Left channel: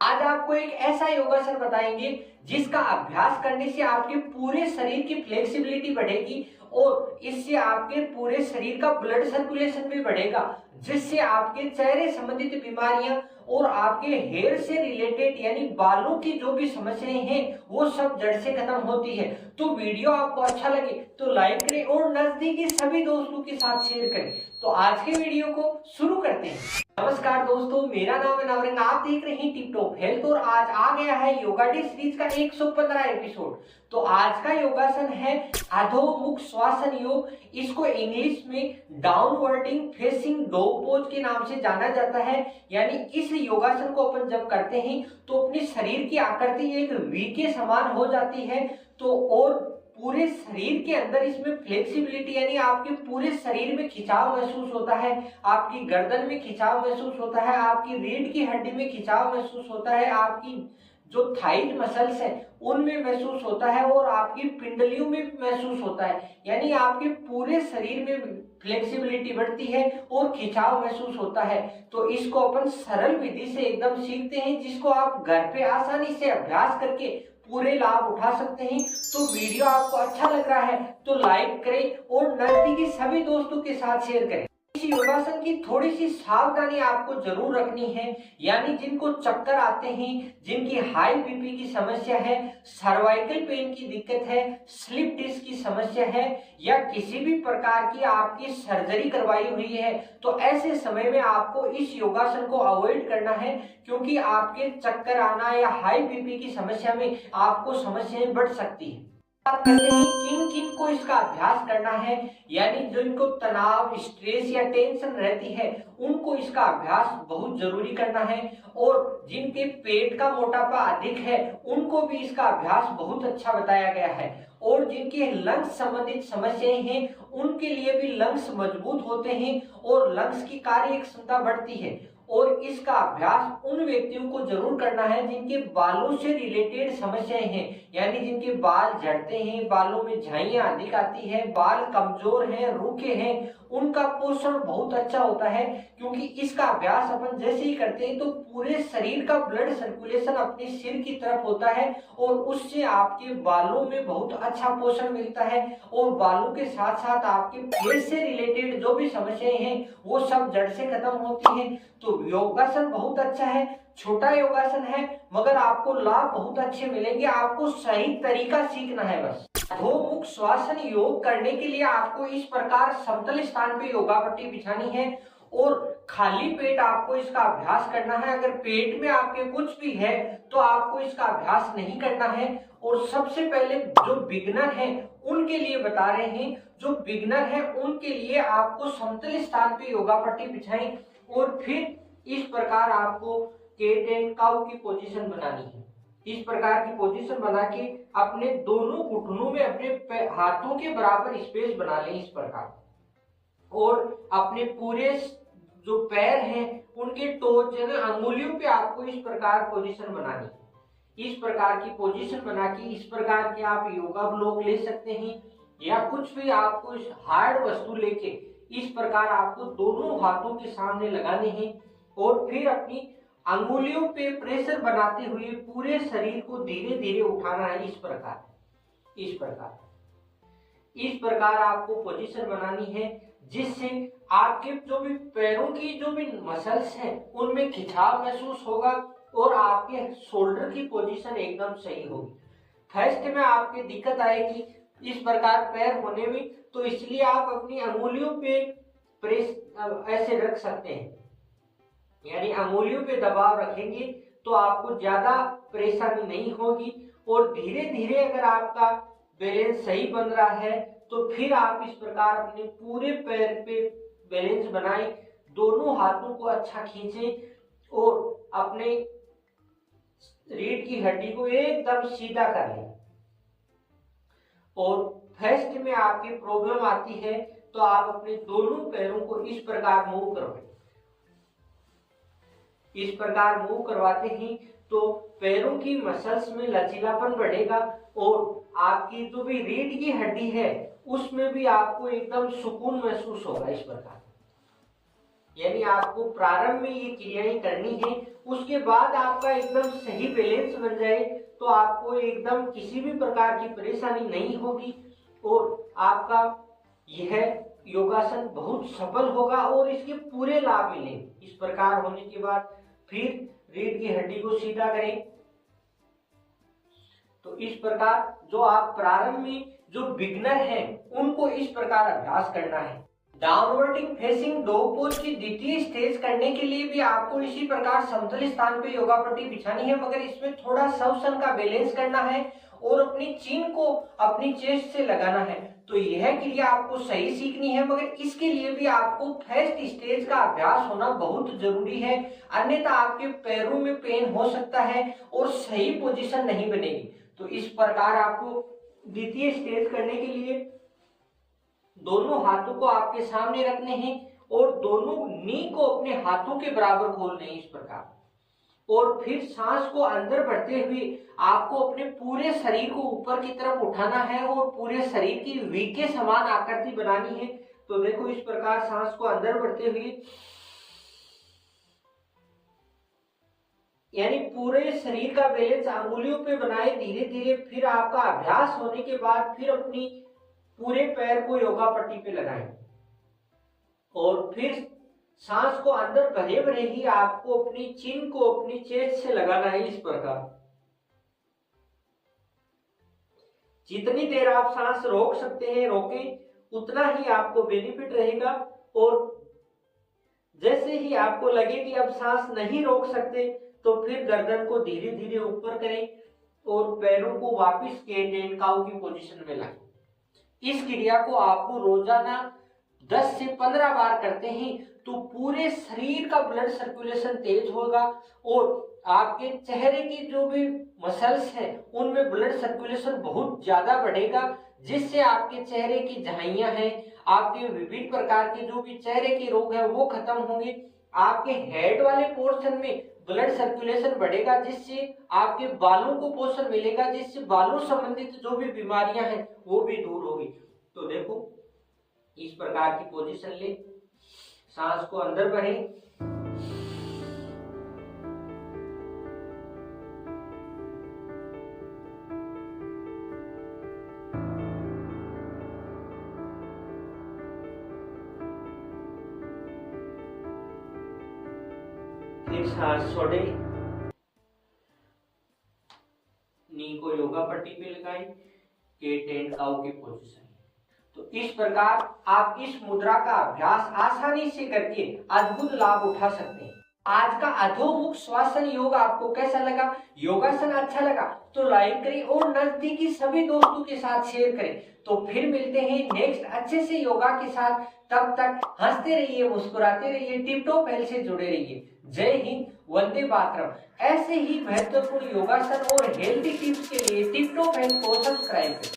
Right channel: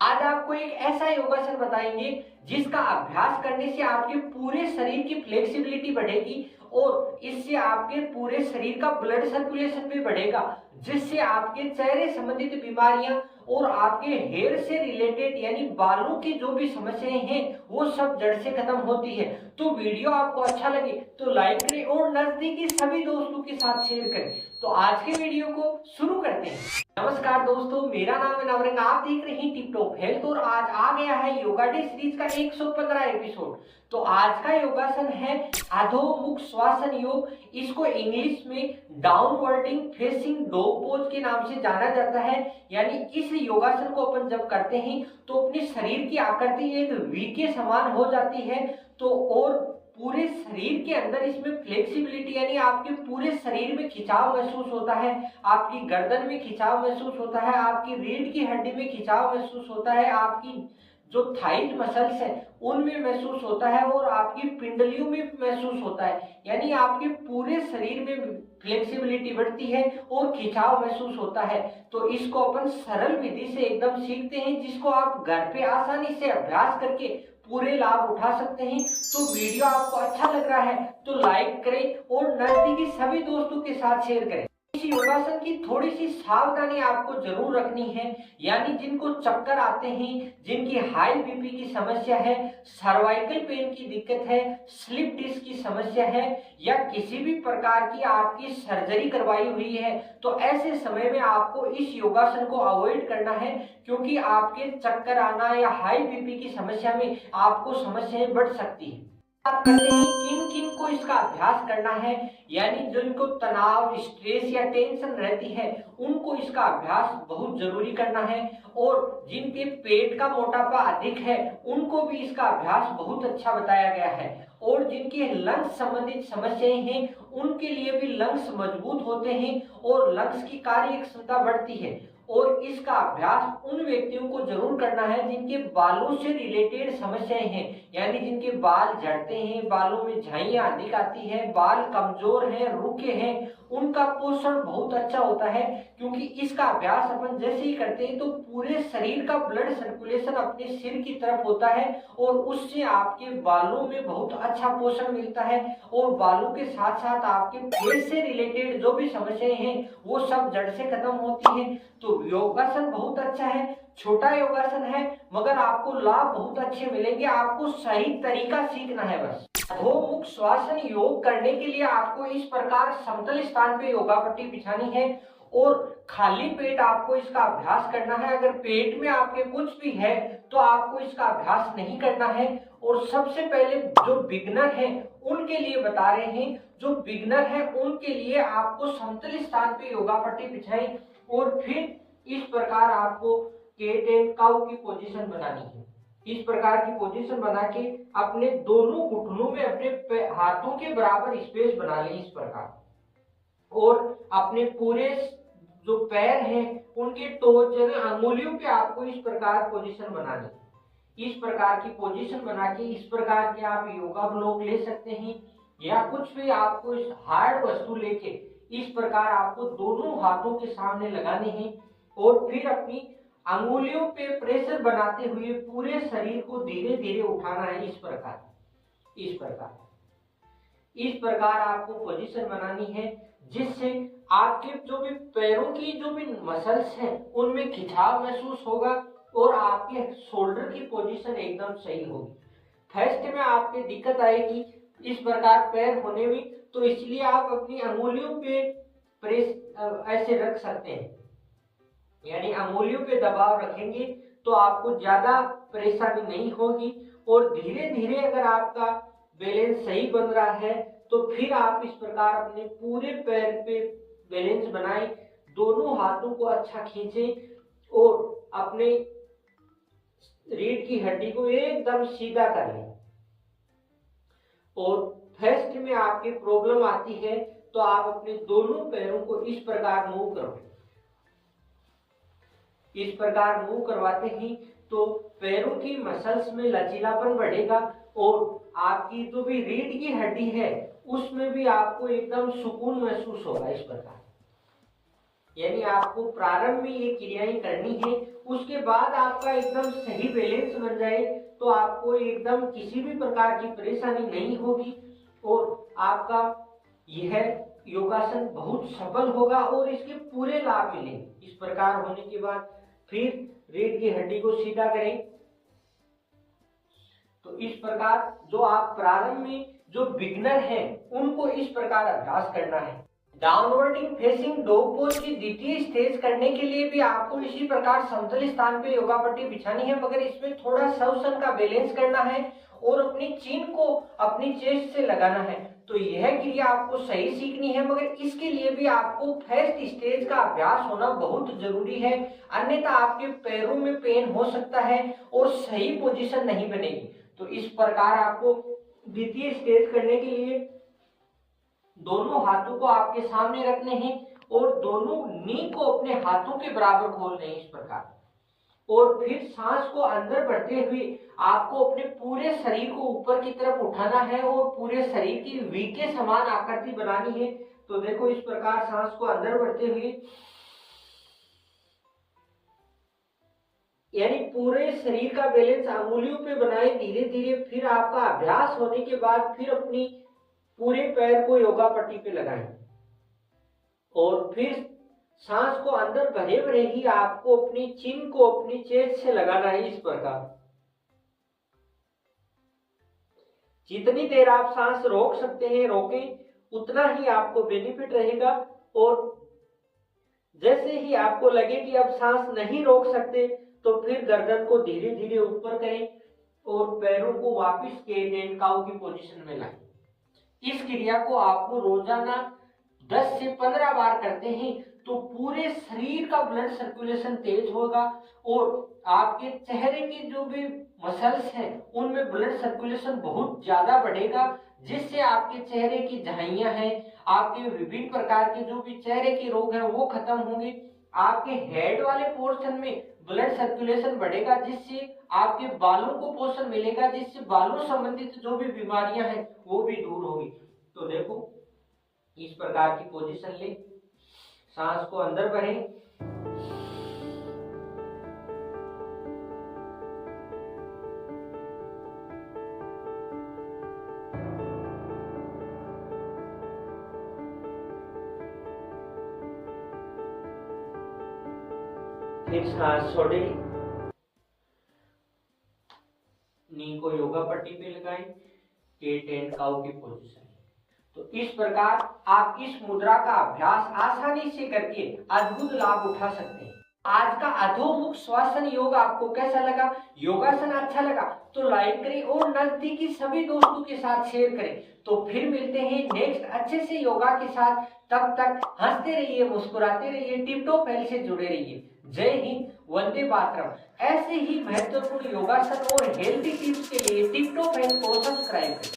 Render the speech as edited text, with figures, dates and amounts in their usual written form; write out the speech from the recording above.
आज आपको एक ऐसा योगासन बताएंगे जिसका अभ्यास करने से आपके पूरे शरीर की फ्लेक्सिबिलिटी बढ़ेगी और इससे आपके पूरे शरीर का ब्लड सर्कुलेशन भी बढ़ेगा, जिससे आपके चेहरे संबंधित बीमारियां और आपके हेयर से रिलेटेड यानी बालों की जो भी समस्याएं हैं वो सब जड़ से खत्म होती है। तो वीडियो आपको अच्छा लगे तो लाइक करें और नजदीकी सभी दोस्तों के साथ शेयर करें। तो आज के वीडियो को शुरू करते हैं। नमस्कार दोस्तों, मेरा नाम है नवरंग, आप देख रहे हैं टिप टॉप हेल्थ और आज आ गया है योगा डे सीरीज का 115 एपिसोड। तो आज का योगासन है अधोमुख श्वासन योग। इसको इंग्लिश में डाउनवर्डिंग फेसिंग डॉग पोज के नाम से जाना जाता है। यानी इस योगासन को अपन जब करते हैं तो अपने शरीर की आकृति एक वी के समान हो जाती है। तो और पूरे शरीर के अंदर इसमें फ्लेक्सिबिलिटी यानी आपके पूरे शरीर में खिंचाव महसूस होता है, आपकी गर्दन में खिंचाव महसूस होता है, आपकी रीढ़ की हड्डी में खिंचाव महसूस होता है, आपकी जो थाइज मसल्स है उनमें महसूस होता है और आपकी पिंडलियों में महसूस होता है। यानी आपके पूरे शरीर में फ्लेक्सिबिलिटी बढ़ती है और खिंचाव महसूस होता है। तो इसको अपन सरल विधि से एकदम सीखते हैं, जिसको आप घर पे आसानी से अभ्यास करके पूरे लाभ उठा सकते हैं। तो वीडियो आपको अच्छा लग रहा है तो लाइक करें और नजदीकी सभी दोस्तों के साथ शेयर करें। इस योगासन की थोड़ी सी सावधानी आपको जरूर रखनी है। यानी जिनको चक्कर आते हैं, जिनकी हाई बीपी की समस्या है, सर्वाइकल पेन की दिक्कत है, स्लिप डिस्क की समस्या है या किसी भी प्रकार की आपकी सर्जरी करवाई हुई है, तो ऐसे समय में आपको इस योगासन को अवॉइड करना है, क्योंकि आपके चक्कर आना या हाई बीपी की समस्या में आपको समस्याएं बढ़ सकती है। बात करते हैं किन किन को इसका अभ्यास करना है। यानी जिनको तनाव, स्ट्रेस या टेंशन रहती है उनको इसका अभ्यास बहुत जरूरी करना है, और जिनके पेट का मोटापा अधिक है उनको भी इसका अभ्यास बहुत अच्छा बताया गया है, और जिनके लंग्स संबंधित समस्याएं हैं उनके लिए भी लंग्स मजबूत होते हैं और लंग्स की कार्य क्षमता बढ़ती है। और इसका अभ्यास उन व्यक्तियों को जरूर करना है जिनके बालों से रिलेटेड समस्याएं हैं, यानी जिनके बाल झड़ते हैं, बालों में झाइयां अधिक आती है, बाल कमजोर हैं, रूखे हैं, उनका पोषण बहुत अच्छा होता है। क्योंकि इसका अभ्यास अपन जैसे ही करते हैं तो पूरे शरीर का ब्लड सर्कुलेशन अपने सिर की तरफ होता है और उससे आपके बालों में बहुत अच्छा पोषण मिलता है, और बालों के साथ साथ आपके फेस से रिलेटेड जो भी समस्याएं हैं वो सब जड़ से खत्म होती है। तो योगासन बहुत अच्छा है, छोटा योगासन है, मगर आपको लाभ बहुत अच्छे मिलेंगे। आपको सही तरीका सीखना है बस। अधोमुख श्वासन योग करने के लिए आपको इस प्रकार समतल स्थान पे योगा पट्टी बिछानी है और खाली पेट आपको इसका अभ्यास करना है। अगर पेट में आपके कुछ भी है तो आपको इसका अभ्यास नहीं करना है। और सबसे पहले जो बिगनर है उनके लिए बता रहे हैं, जो बिगनर है उनके लिए आपको समतल स्थान पे योगा पट्टी बिछाई और फिर इस प्रकार आपको केट एंड काउ की पोजीशन बनानी है। इस प्रकार की पोजीशन बना के अपने दोनों घुटनों में अपने हाथों के बराबर स्पेस बना लें इस प्रकार, और अपने पूरे जो पैर हैं उनके टोच अंगुलियों पे आपको इस प्रकार पोजीशन बनानी। इस प्रकार की पोजीशन बना के इस प्रकार के आप योगा ब्लॉक ले सकते हैं या कुछ भी आपको इस हार्ड वस्तु लेके इस प्रकार आपको दोनों हाथों के सामने लगाने हैं और फिर अपनी अंगुलियों पे प्रेशर बनाते हुए पूरे शरीर को धीरे धीरे उठाना है। इस प्रकार आपको पोजीशन बनानी है, जिससे आपके जो भी पैरों की जो भी मसल्स हैं उनमें खिंचाव महसूस होगा और आपके शोल्डर की पोजीशन एकदम सही होगी। थर्स्ट में आपके दिक्कत आएगी इस प्रकार पैर होने में, तो इसलिए आप अपनी अंगुलियों पे प्रेस ऐसे रख सकते हैं, यानी अंगुलियों पे दबाव रखेंगे तो आपको ज्यादा परेशानी नहीं होगी। और धीरे धीरे अगर आपका बैलेंस सही बन रहा है तो फिर आप इस प्रकार अपने पूरे पैर पे बैलेंस बनाएं, दोनों हाथों को अच्छा खींचें और अपने रीढ़ की हड्डी को एकदम सीधा कर लें। और फर्स्ट में आपकी प्रॉब्लम आती है तो आप अपने दोनों पैरों को इस प्रकार मूव करवाएं। इस प्रकार मूव करवाते ही तो पैरों की मसल्स में लचीलापन बढ़ेगा और आपकी जो भी रीढ़ की हड्डी है उसमें भी आपको एकदम सुकून महसूस होगा। इस प्रकार यानी आपको प्रारंभ में ये क्रियाएं करनी है उसके बाद आपका एकदम सही बैलेंस बन जाए तो आपको एकदम किसी भी प्रकार की परेशानी नहीं होगी और आपका यह योगासन बहुत सफल होगा और इसके पूरे लाभ मिलेंगे। इस प्रकार होने के बाद फिर रीढ़ की हड्डी को सीधा करें। तो इस प्रकार जो आप प्रारंभ में जो बिगनर हैं उनको इस प्रकार अभ्यास करना है। डाउनवर्डिंग फेसिंग डॉग पोज की द्वितीय स्टेज करने के लिए भी आपको इसी प्रकार समतल स्थान पे योगा पट्टी बिछानी है, मगर इसमें थोड़ा शवसन का बैलेंस करना है और अपनी चिन को अपनी चेस्ट से लगाना है। तो यह क्रिया आपको सही सीखनी है, मगर इसके लिए भी आपको फर्स्ट स्टेज का अभ्यास होना बहुत जरूरी है, अन्यथा आपके पैरों में पेन हो सकता है और सही पोजीशन नहीं बनेगी। तो इस प्रकार आपको द्वितीय स्टेज करने के लिए दोनों हाथों को आपके सामने रखने हैं और दोनों नी को अपने हाथों के बराबर खोलने हैं इस प्रकार। और फिर सांस को अंदर बढ़ते हुए आपको अपने पूरे शरीर को ऊपर की तरफ उठाना है और पूरे शरीर की वी के समान आकृति बनानी है। तो देखो इस प्रकार सांस को अंदर बढ़ते हुए यानी पूरे शरीर का बैलेंस अंगुलियों पे बनाए धीरे धीरे। फिर आपका अभ्यास होने के बाद फिर अपनी पूरे पैर को योगा पट्टी पे लगाएं और फिर सांस को अंदर भरे भरे ही आपको अपनी चिन को अपनी चेस्ट से लगाना है इस प्रकार। जितनी देर आप सांस रोक सकते हैं रोकें, उतना ही आपको बेनिफिट रहेगा। और जैसे ही आपको लगे कि अब सांस नहीं रोक सकते तो फिर गर्दन को धीरे धीरे ऊपर करें और पैरों को वापस कैट एंड काउ की पोजीशन में लाएं। इस क्रिया को आपको रोजाना 10 से 15 बार करते हैं तो पूरे शरीर का ब्लड सर्कुलेशन तेज होगा और आपके चेहरे की जो भी मसल्स हैं उनमें ब्लड सर्कुलेशन बहुत ज्यादा बढ़ेगा, जिससे आपके चेहरे की झाइयां हैं, आपके विभिन्न प्रकार के जो भी चेहरे के रोग हैं वो खत्म होंगे। आपके हेड वाले पोर्शन में ब्लड सर्कुलेशन बढ़ेगा, जिससे आपके बालों को पोषण मिलेगा, जिससे बालों संबंधित जो भी बीमारियां हैं वो भी दूर होगी। तो देखो इस प्रकार की पोजीशन ले, सांस को अंदर भरें, फिर सांस छोड़े, नी को योगा पट्टी पे लगाएं, कैट एंड काउ की पोजीशन। तो इस प्रकार आप इस मुद्रा का अभ्यास आसानी से करके अद्भुत लाभ उठा सकते हैं। आज का अधोमुख श्वासन योग आपको कैसा लगा? योगासन अच्छा लगा तो लाइक करें और नजदीकी सभी दोस्तों के साथ शेयर करें। तो फिर मिलते हैं नेक्स्ट अच्छे से योगा के साथ। तब तक हंसते रहिए, मुस्कुराते रहिए, टिप टॉप हेल्थ से जुड़े रहिए। जय हिंद, वंदे मातरम। ऐसे ही महत्वपूर्ण योगासन और हेल्थी टिप्स के लिए टिप टॉप हेल्थ को सब्सक्राइब करें।